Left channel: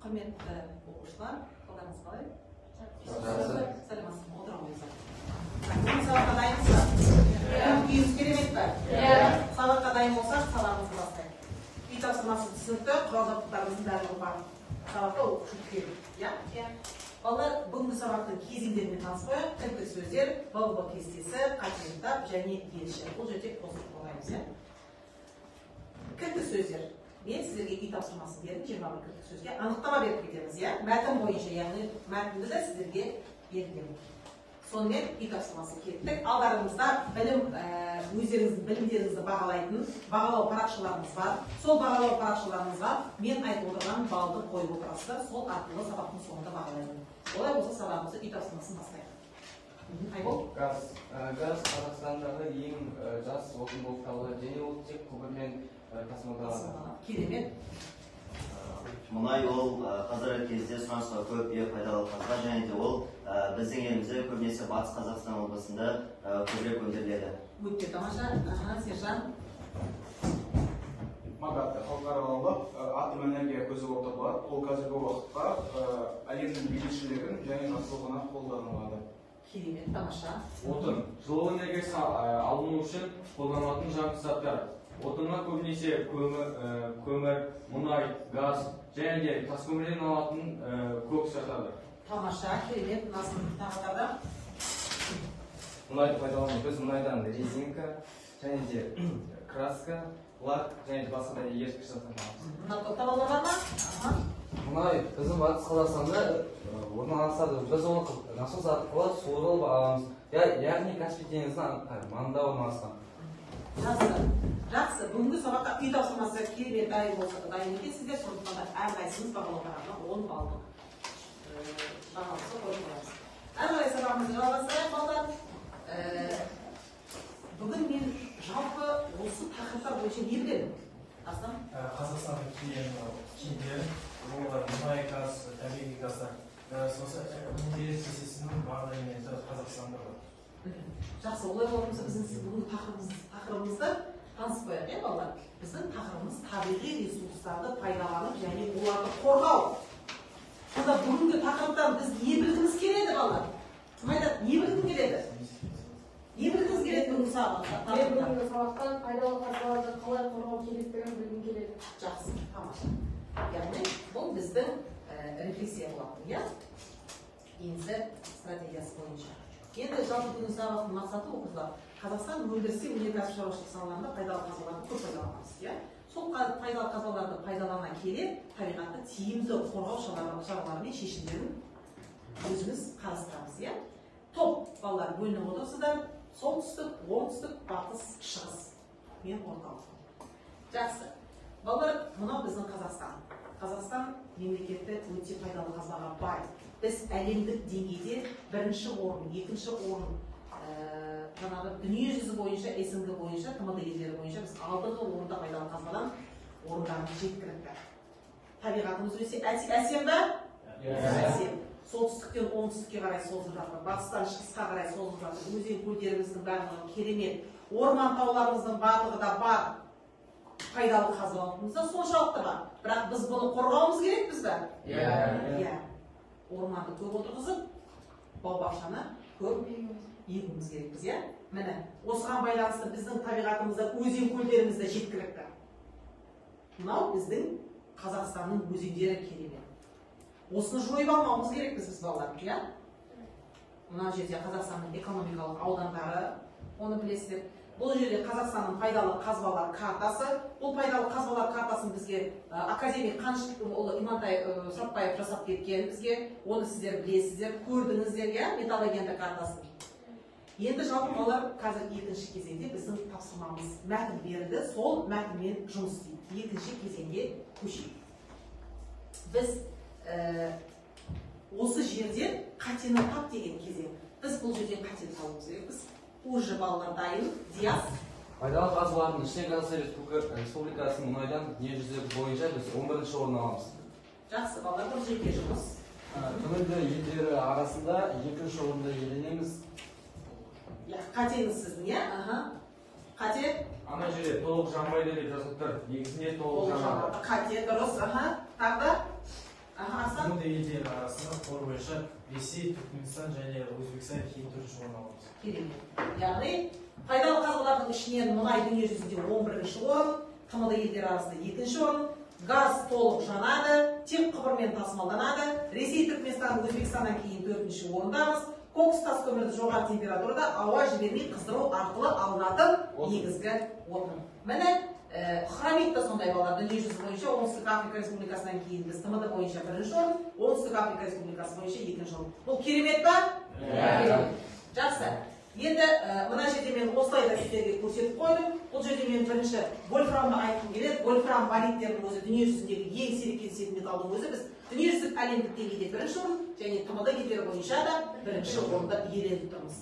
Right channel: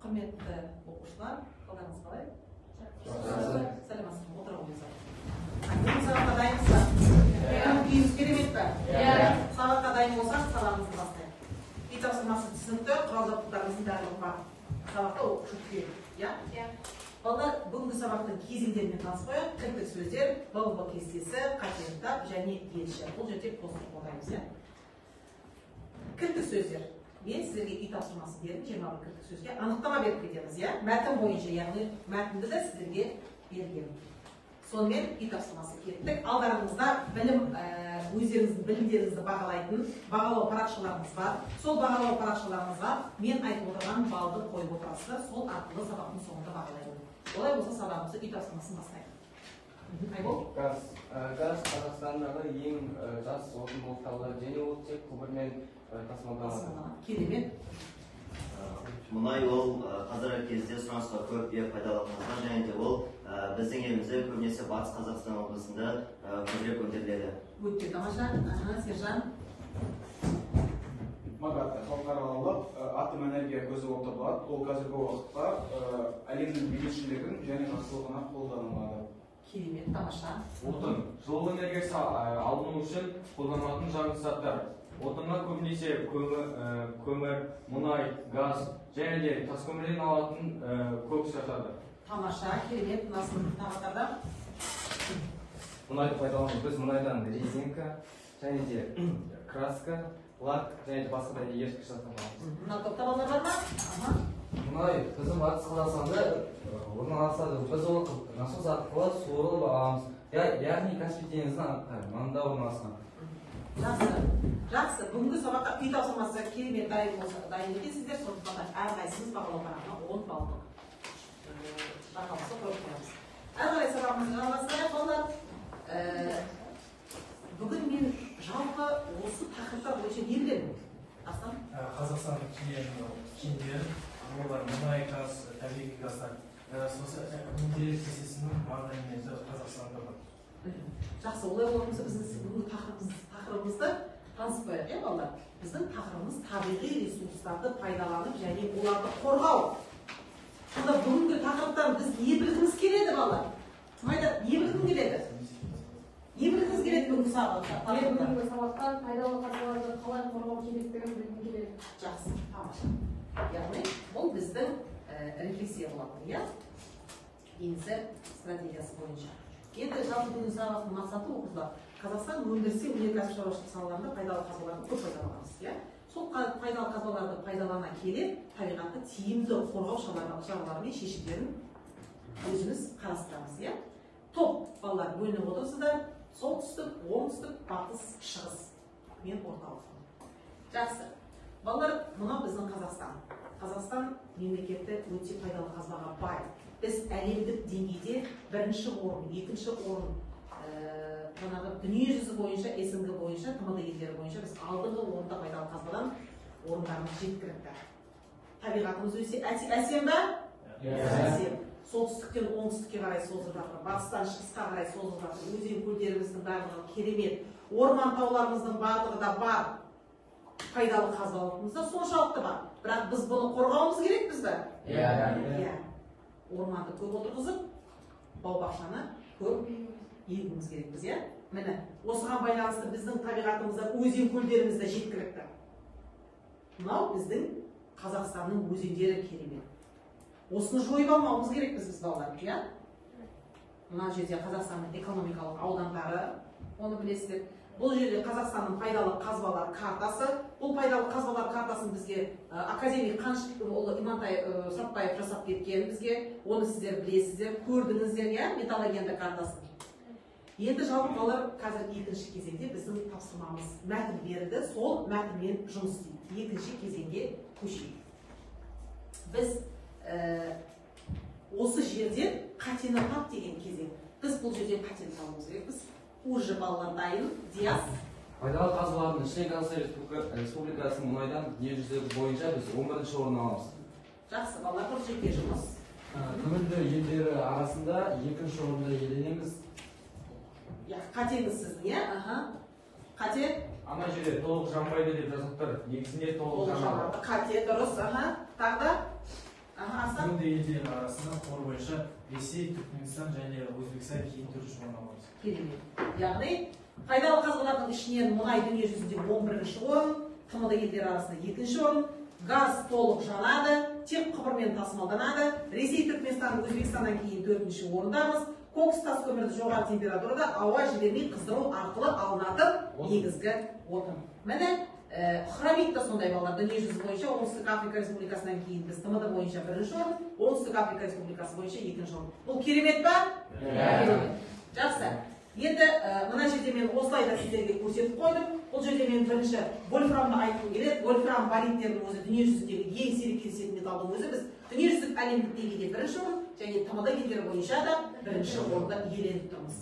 Құрметті оқушылар, қалдарыңыз қалай? Сәлеметсіздер, отыра қойыңыздар. Сабаққа дайынсыздар? Үйіңіз керемет пе? Сабаққа дайын болсақ, сабағымызды бастайық. Үй тапсырмасы түсінікті, құрал-жабдықтарымыздың барлығы бар. Сабақта оқушы керек, иә? Балалар, бүгінгі сабақтың кезеңдерімен таныспайық. Кілттік сөздер, баба кестесі, қатерлік және ретші. Бұл жерде қосып болмаймыз, иә? Кілттік сөздер. Мен сіздерге үй тапсырмасы бердім, 21 кілттік сөзге анықтама беріп кетеміз, иә? Мәтін бойынша, яғни мәтінді де сіздерге бердім. Сонымен үй тапсырмасы кеттік. Алдарыңызда өздеріңіздің білімдеріңізді бағалайтын бағалау парақшаларымыз бар. Сол бағалау парақшаларымызға мен айтып отырған балды қойып отырасыздар, сол арқылы сабақтың соңында бағалаймын. Олай болса сабағымызды үй тапсырмасын бастайық. Айбол? Газ Қазақстандағы ең жас отын болып табылады және ол тек құбырмен тасымалданады. Керемет. Мұнай ол қазіргі кезде сұранысқа көп пайдалы қазба және де ол біздің елімізде көбінесе Батыс Қазақстан облысында көбірек өндіріледі. Өте тамаша. Сержан. Магат халықаралық атом энергия көзі болып табылады. Ол қазіргі уақытта әлемнің бейбітшілігін және жақсылығына қолданылады. Керемет, тамаша. Отын жылу энергиясы алыну үшін қолданылатын жарылғыш заттар. Отыннан көбінесе көмір, мұнай, газ және де таскөмірден алатын кокс жатады. Тамаша, керемет, Назым тағатарда. Мұнайды пайдаланып біз мұнайдан резинка және де краска, лак және басқа да ешкі жасаймыз. Тоқтап алдар ма? Мұнай біздің Батыс Қазақстанда орналасады. Біз ол насос арқылы суырылып аламыз. Яғни Каспий теңізінің маңында орналасқан. Жақсы. Бүгінгі сабаққа үй тапсырмасы керемет дайын етесіздер. Сондықтан да әрқайсымыз бағалау парағына 10 балдық бағалауды қойып қоямыз. Әрі сабағымызды жалғастырайық, балалар. Бүгін мен жалпы осы тақырыптар бойынша не білемін? Астан? Қазақстанның киімдері, олар мұнай, газ, табиғи газдар. Сосын Индия кезесінің барлық элементі Қазақстанда бар. Жақсы, олай болғанымызда біздің бүгінгі тақырыбымызды таныспайық, балалар. Біздің тақырыбымыз табиғи ресурстарды пайдаланып және оларды қорғау. Сонда бүгінгі тақырыптан біз не білгіміз келеді, балалар? Майда, не білгім келеді? Не білгіміз келеді бүгінгі сабақта? Бүгінгі сабақтан пайдалы қазбаларды қалай қорғау керектігін білгім келеді. Жақсы, тамаша. Яғни, бұл біздің рефлексия болады, иә? Еңсі стратегиясы бойынша. Енді жалпы бүгінгі сабақтың мақсаты оқушылар. Қазақстан өндірісі өнеркәсіп шаруашылық салаларында пайдалы қазбаларды көп пайдаланамыз, иә? Сол пайдалы қазбаларды пайдалана келе, табиғатты тиімді қорғау шаралары мен шешімдерін өзіміз қарастырамыз, иә? Топ балалар бөлініп отырсыздар. Солтүстік, оңтүстік, батыс, шығыс. Мен орталық. Жақсы. Балалар, мынау біздің Қазақстан. Қазақстан мемлекеті өте пайдалы қазбаға бай. Біз әлемдік деңгейде бірінші орын, екінші орын, дүниежүзі бойынша, СНГ бойынша, ТМД елдері бойынша біз алдыңғы орында пайдалы қазбадан орындарымыз жеткілікті. Табиғатымыз өте әсем ба? Әсем. Солтүстіктен оңтүстікке қарай созылып жатыр, батыстан шығысқа қарай созылып жатыр. Өзен көлдеріміздің барлығы керемет, орман тауларымыздың барлығы да бар. Пайдалы қазбаларымыз да соншалықты бар. Бірақ біз бұны қорғауымыз керекпіз бе? Иә. Орманды көп отырғызып, бау-бақшаны көп егуіміз керекпіз, иә? Міне, осыған байланысты біздің табиғатымызда өзен көлдерімізді жеткілікті. Мынау біздің Қазақстанның өзендері керемет. Осыны жойып алмауымыз керекпіз біз балалар, иә? Мына жерде Қазақстанның экономикалық аудандары, оны білесіздер. Бұл жерде Қазақстанның пайдалы қазбалар картасы. Бұл пайдалы қазбалар картасын бізге академик Имантай Сапбаев жасап кеткен бізге. Оны сіздер білесіздер, көрдіңіздер, иә, металлогенді картасын. Енді жалпы балалар қазір екінші кезеңде біздің тапсырмамыз мәтін берді, сол мәтінмен жұмыс істейді. Екінші кезеңге көшейік. Біз осы жерде қатені тап деген кезең. Біз бұл жерде қатені табуымыз керекпіз. Уже балалар дайын, Диас. Пайдалы қазбалардың ішінде Қазақстан Республикасы мұнайдан дүниежүзі бойынша біз 11-ші орын аламыз. Жақсы, балалар бір жеке жұмыс. Бүгінгі елдері арасында 2-ші орында иеленеміз. Қатеңіз сіздің, иә? Қате? Ана жерде толық жанбайды деп жазып тұр. Негізінде толық жанбайды. Қате, дұрыс, тағы да? тмд елдері арасында қор бойынша Ресей, Түркменстан және Өзбекстан кейін тұрышы орын алады. Керемет. Яғни пайдалы қазбалардың ішінен мұнай дүние жүзінде 11-ші орын, тмд елдері арасында 2-ші орын, газ толық жанады, тек құбырмен тасымалданады, Ресей, Түркменстан, Өзбекстаннан кейін 4-ші орындамыз. Кокс тас көмірді жоғары температурада ауа жібермей қыздыру арқылы алынатын негізгі отын. Міне хромит та сондай болған. Дүние жүзі бойынша Оңтүстік Африка Республикасынан кейін біз тмд бойынша 1-ші орын, Оңтүстік Африка Республикасы бойынша 2-ші орын. Бұл керемет па? Жақсы. Енді мына жерде мен осылай да сіздерге көрсетіп қойдым. Бұл жерде мен бірінші вольфрамды айтқым келеді. Вольфрам бариттердің өзі дүние жүзіндегі ең сирек кездесетін металдың өзі біз дүниежүзілік әлемдік деңгейде 1-ші орын және тмд елдері бойынша да 1-ші орында иеленіп тұрмыз.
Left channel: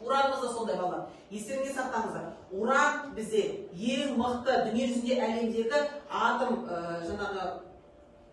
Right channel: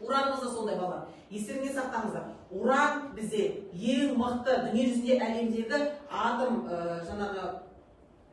Уранымыз да сондай балалар. Естеріңізге сақтаңыздар. Уран бізде ең мықты дүние жүзінде әлемдегі атом жаңағы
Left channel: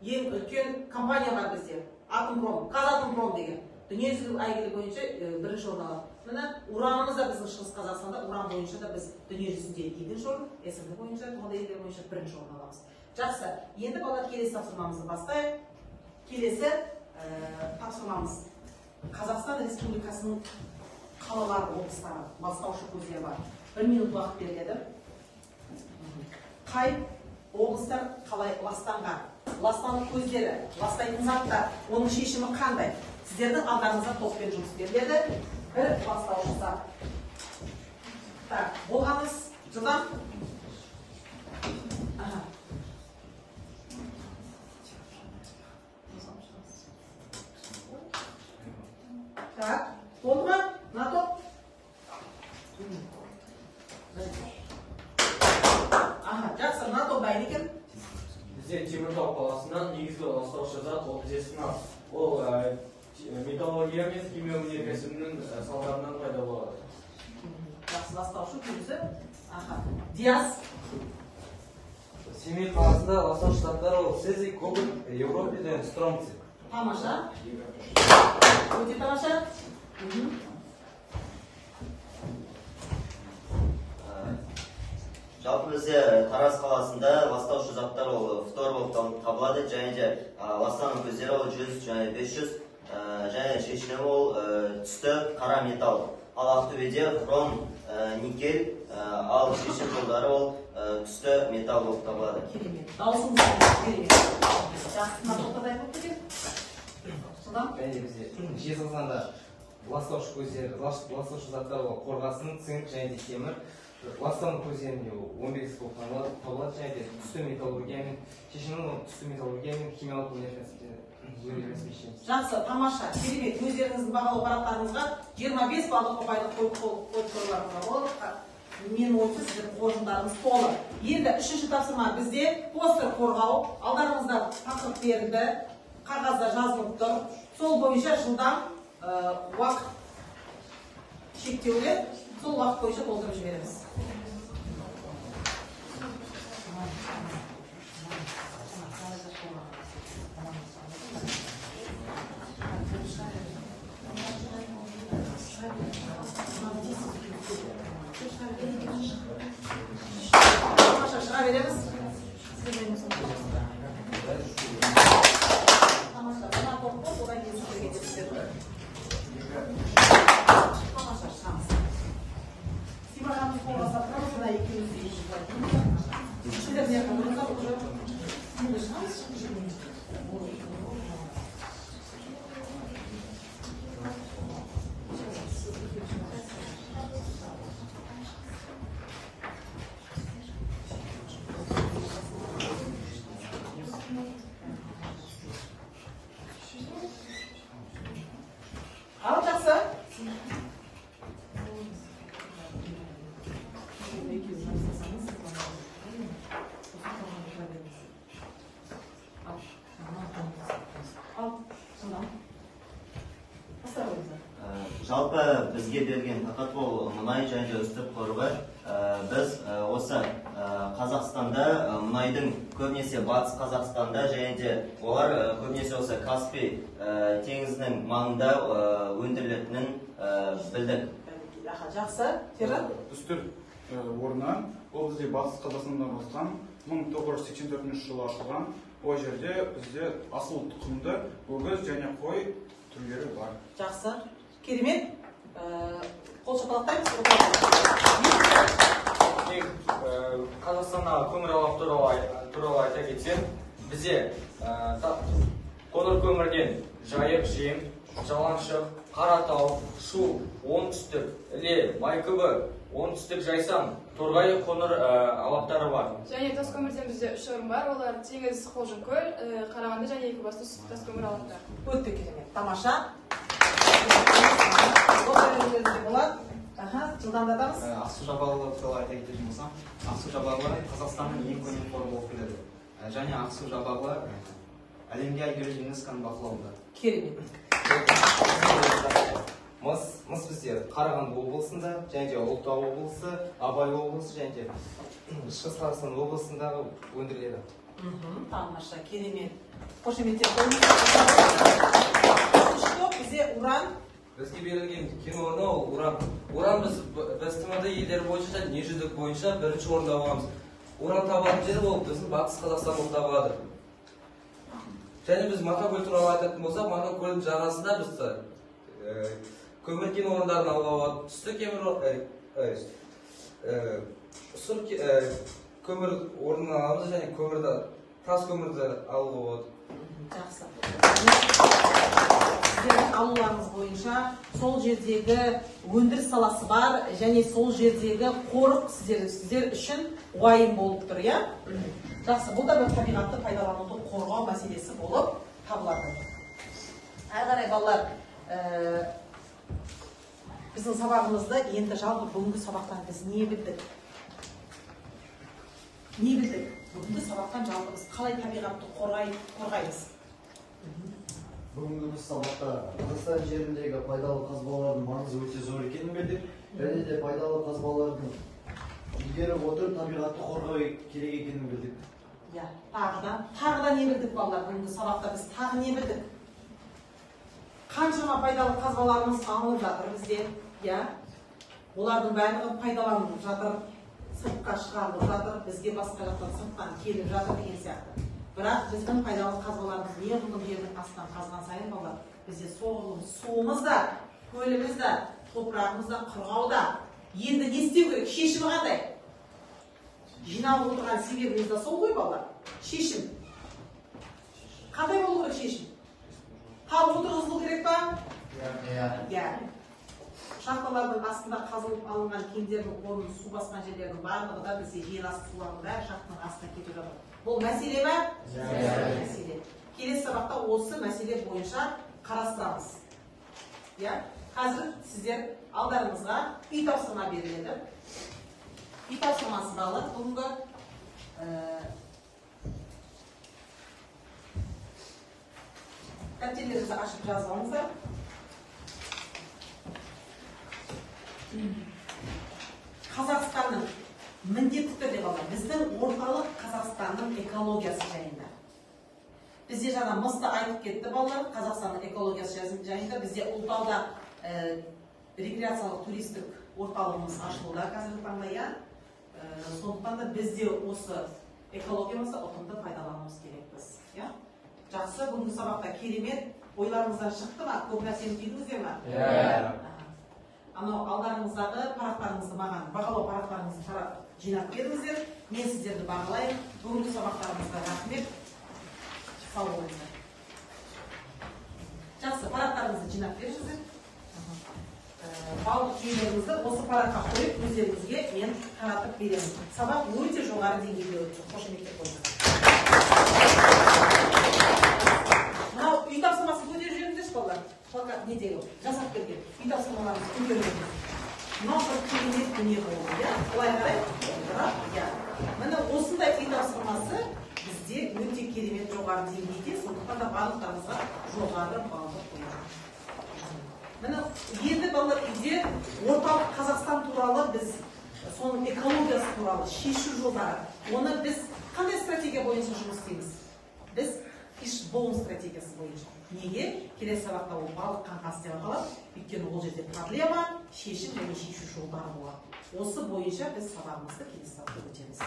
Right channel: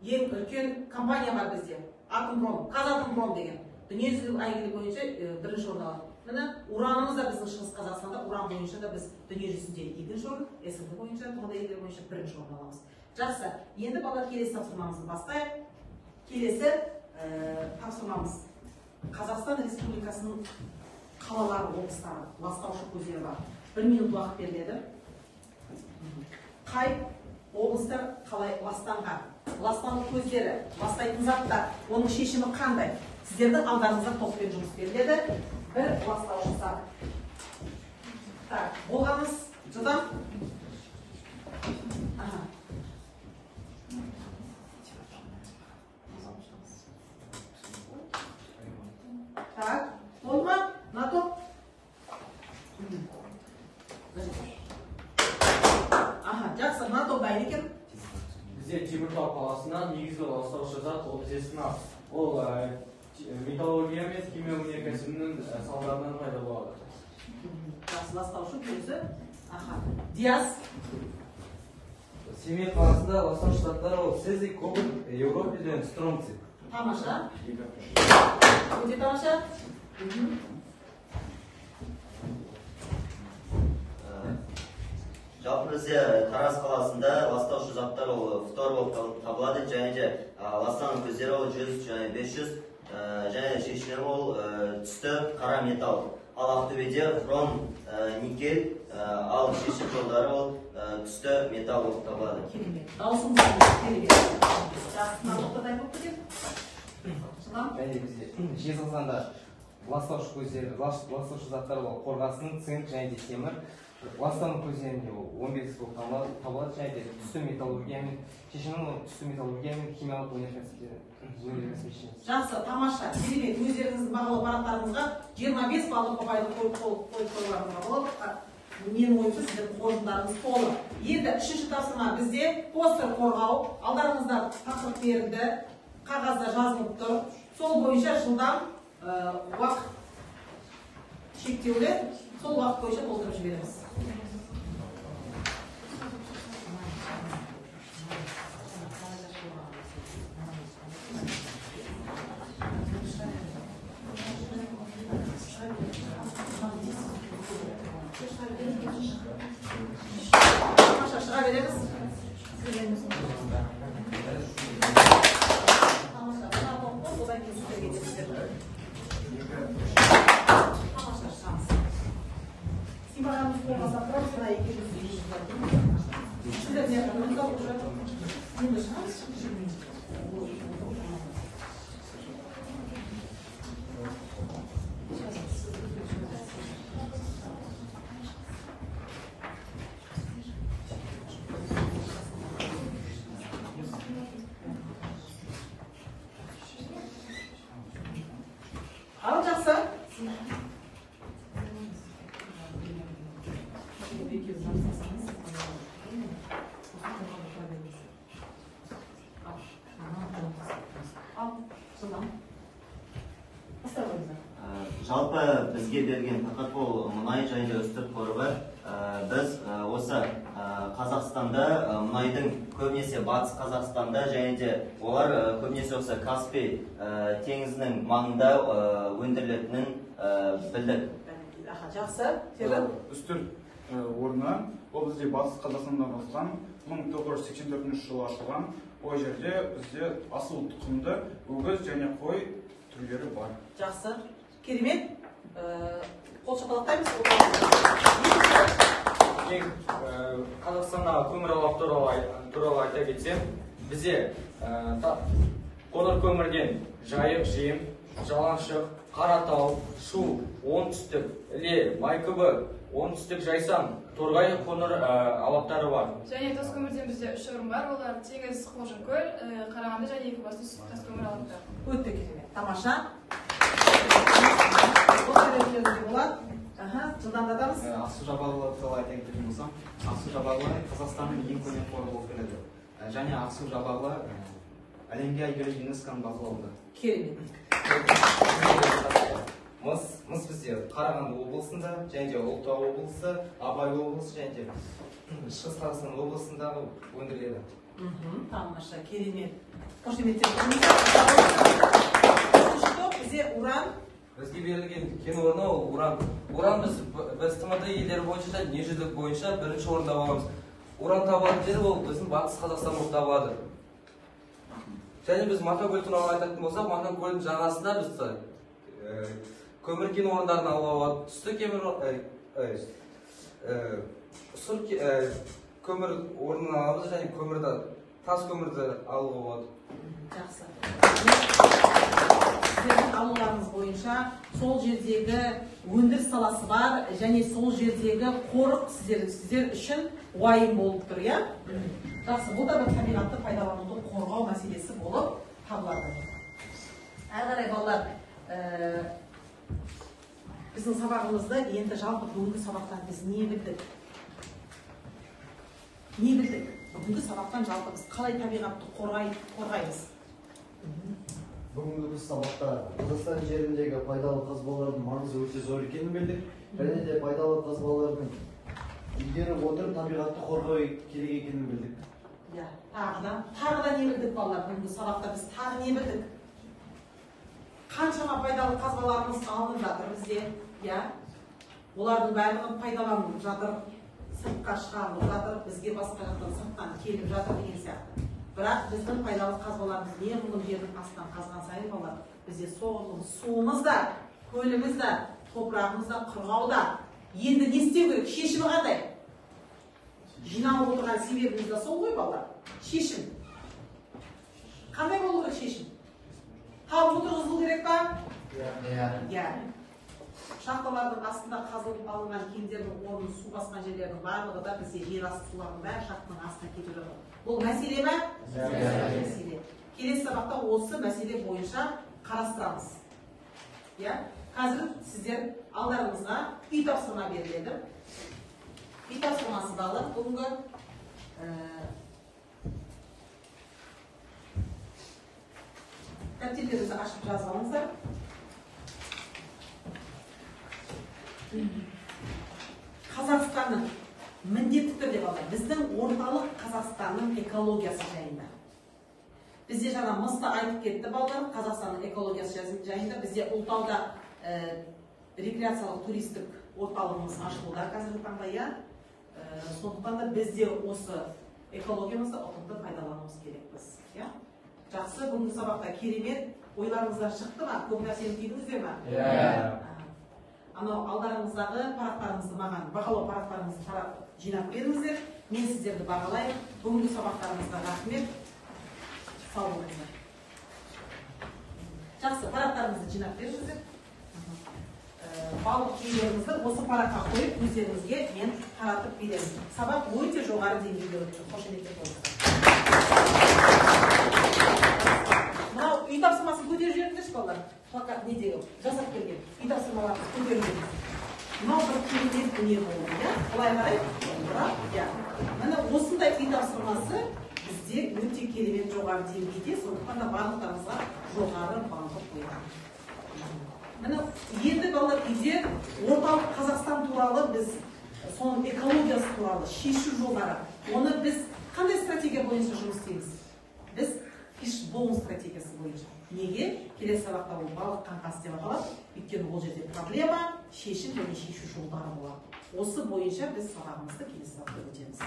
ең үлкен компания бар бізде. Атомпром, Казатомпром деген. Дүниежүзілік әйгілі бойынша 1-ші орын алады. Міне уранымыз да біздің Шығыс Қазақстанда уран бойынша да біз дүние жүзінде 2-ші орын, СНГ бойынша, тмд елдері бойынша 1-ші орын аламыз. Жақсы. Енді балалар келесі тапсырмамызды бастайық. Келесі тапсырмамыз Қазақстан Республикасының қалалары, облыстары, ластаушы көздері бар. 1 минут уақыт беріледі. Қай облыстар қалай ластанған? Ластану көздері, ластайтын заттар, оның шешімі қандай? Сіздердің алдарыңызда тоспен жұмыс беріледі. Бір ластаушы зат. Болғаныз жылдан? Так, болды ма? НАТО? Жақсы, НАТО бәйін екен? Бізде Теміртау қаласынан негізгі ластаушы зат оксидтер. Ол металлургия мен химия өнеркәсібінің салдарынан пайда болады. Жақсы, ластаушы көзі. Диас? Семей қаласында ластаушы заттар ол цезий, кобальт, еуропиді, стронций. Тамаша. Өте тамаша. Жалпы бізде Тараз қаласында ластаушы заттар ол фтор болып табылады, және де ластану көздері ол 100 және 500, және шешілімі ол түсті қара металл. Ал Ақтөбеде хром, никель, ал шешім жолдары ол түсті металл болып табылады. Даусыңыз керемет. Жақсы, тоқтат айтып өткен? Жезқазғанда ластаушы көздері, ластаушы заттар ол қорғасын, цинк және де темір. Ластану көздерінде 15 болып табылады, және де түсті металлургиямен, шешімін түсті металлургиямен, химиялық өнеркәсіптері. Жақсы, тамаша, керемет. Өздеріңіздің бағалы парақтарыңызға 25 балл ұпайды қойып қойылатынға болады. Менің ойымша сіздердің қоржындарыңыз толы. Енді 3-ші тапсырма бізде постер қорғау. Алдарыңызда тақырып берілді, қағазда жазылып тұр. Сол бойынша жылдан уақыт шектеулі, сол уақыт бойынша толтырып жіберіңіз. Шыға береміз. Al жақсы. Жалпы бізге берген тақырып ол мұнай және үстірт қорығы. Біз осы Қазақстанда мұнайдың көбінесе батыс Қазақстанда және де олар көбінесе осы Каспий теңізінің маңында өндірілетінін білдік. Жақсы. Үстірт орны ол бізде батыс Қазақстанда болған 1984 жылы ашылған. Ол жерде бізде асыл тұқымды өгіз және қой түрлері бар. Жақсы. Керемет. Қол шапалақтаймыз. Қазақстандағы көмір алап туралы айта кетсем, бізде қоңыр көмірден Жайық, Жем, Жаланшық, Қаратау, Шу, Оңтүстік, Іле, Майкүбі, Оңтүстік Жайсаң, Торғай қоңыр алаптары бар. Және тас көмірден бізде 3 орын бар, олар Теңіз, Қолжынкөл, Қарағанды және Екібастұз тас көмір алаптары. Өте керемет. Тамаша. Жылдамдатамыз. Ақсу жабағылары туралы айта кететін болсам, Ақсу жабағылары Қазақстанның ең көне қоры болып келеді. Және Ақсу жабағылары әлемге әйгілі ЮНЕСКО-ның бақылауында. Керемет. Мыс бізде Қарағанды облысында, және Ұлытау облысы, Абай облысы, және Шығыс Қазақстан облысындағы өндіріледі. Тамаша, керемет. Қошеметтер қойыңыз. Бізде уран. Бізге берілген кен орны ол уран. Уран біз тмд елдері бойынша да дүниежүзілік бойынша бірінші орында боламыз. Уран табатын жер ол біздің батыс Қазақстан болып табылады. Және біз Марқакөл туралы айтатын болсақ, Марқакөлдің жағасында біз көмір кен орындарын алуға болады. Түсті көмір орнын аламыз және көмірді, тас көмірді алуға болады. Жақсы. Сіздердің алуларыңыз бойынша сол жердегі өндіріс саласы бар және сол жердегі қорық сіздер үшін уайым болып тұр, иә? Жақсы, бұл да бір табиғатты пайдалануды қорғау мәселесі болып табылады. Әрі қарай балалар, біздің сабағымызды енді жалпы бүгінгі сабақтан біз не білдік? Не білдік? Бүгінгі сабақтан жалпы біз қалай табиғатты қорғаймыз? Бүгінгі сабақта Қазақстан жеріндегі пайдалы қазбалардың маңызы өте зор екенін білдік. Және де пайдалы қазбалардың игеріп отырып табиғатты қорғау керек екенін білдік. Тағы да не білдік балалар? Бүгінгі сабақта біз тағы не білдік? Қаншама пайдалы қазбаларымыз алынып жатыр бізде, олардың барлығын пайдаланып жатыр, сыртқа шығарылып жатыр, бізге басқа жақтан сырттан келіп жатыр деген сияқты. Бірақ біздің пайдалы қазбаларымыз неғұрлым жердің астынан қазған сайын балалар, бізде соғұрлым суымыз да, көліміз да, топырағымыз да құрғауда. Енді не істеу керек? Шешімі қандай? Жиналып отырған себебіміз де сол ғой балалар. Шешім. Қандай болу керек шешім? Қабық отырғызылу керек па? Иә. Шахталардың астында қазылып алынған кендердің орнын су басқан жерлердің барлығы да бізде жер асты сулардың бәрі шахтаның астына кетіп жатыр. Бұл мәселе ме? Мәселе. Келесі сабақта осы мәселе бойынша қарастырамыз. Қазір сіздер алдарыңызға үй тапсырма беріледі. Үй тапсырмасы далы бүгінгі дәптерлеріңізді ашып жазып алыңыздар. Қазақстанның міндетті түрде балалар, біздің орталық Қазақстанның экологиясы жайында. Бізде жаңа мыста айтып кетті балалар, Қазақстанның экологиясы жайында. Бізде Ұлытауда рекреациялық туристік орталығымыз ашылуда қазіргі таңда. Сондықтан да бізде осы экологиямызды ұтымды пайдалануымыз керекпіз. Жақсы, бүгінгі сабақта керемет ойларыңыздан шықты ма? Көп нәрсені түйдіңіздер ме? Анау алдарыңыздағы парақтарыңызды маған, бағалау парақтарыңызды тарап жинап беріңіздер. Мен сіздерді бағалайын. Бүгінгі сабақтарыңызға рахмет. Сау болыңыздар. Жақсы, парақтарыңызды жинап беріңіздер. Барлық түйелеріңізді осы параққа қойып, өздеріңізге мен таратып беремін. Сабақ өте жоғары деңгейде өтті. Қошеметтер болыңыздар. Мынау үй тапсырмасын көтеріп жіберіңіздерші балалар. Не деймін, жасап берген. Үй тапсырмаларымыз көтерілген. Мынау бір керемет дүние болды, қалай қарай? Міне осындай үй тапсырмасы бізде өте керемет жоғары деңгейде, сондықтан да барлықтарыңызға жоғары балды қойған. Міне енді балалар үйде орталық Қазақстан туралы біз соның экологиясы туралы шешу жолдары. Оны біз қандай стратегия бойынша жұмыс істейміз? Біз фишбоун стратегиясы бойынша. Неге? Келесі сабақта ол балық қаңқасы деп аталады. Өйткені ол жерде проблема, шешім және шешу жолдары болады. Осы бойынша біз сабағымызды келесі сабақта өтеміз.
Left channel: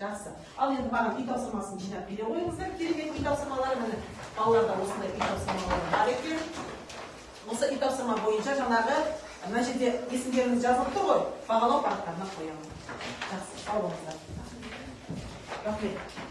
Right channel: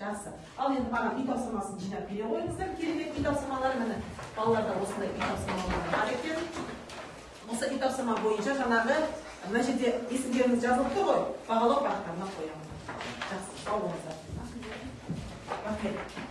Жақсы. Ал енді бана үй тапсырмасын жинап бере қойыңыздар. Керемет үй тапсырмалары міне балаларда осындай үй тапсырмалары бар екен. Осы үй тапсырма бойынша жаңағы мына жерде есімдеріңіз жазылып тұр ғой. Бағалау парақтарына қоямын. Жақсы, сау болыңыздар. Рахмет.